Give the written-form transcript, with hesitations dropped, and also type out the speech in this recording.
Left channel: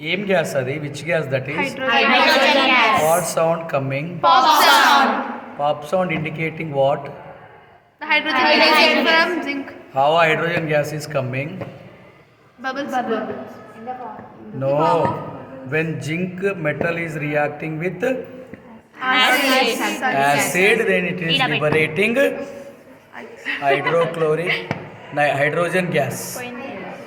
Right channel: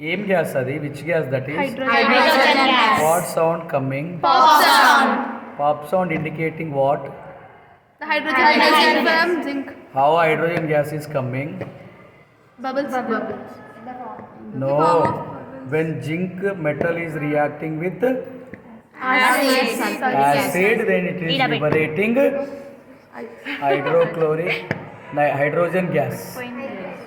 ఏం గ్యాస్ అది? Which gas that is? Hydrogen gas. What sound coming? Pop sound. Pop sound indicating what? The hydrogen is from zinc. How hydrogen gas is coming? Bubbles. No. When zinc metal is reacting with acid, then it is liberating hydrochloric hydrogen gas.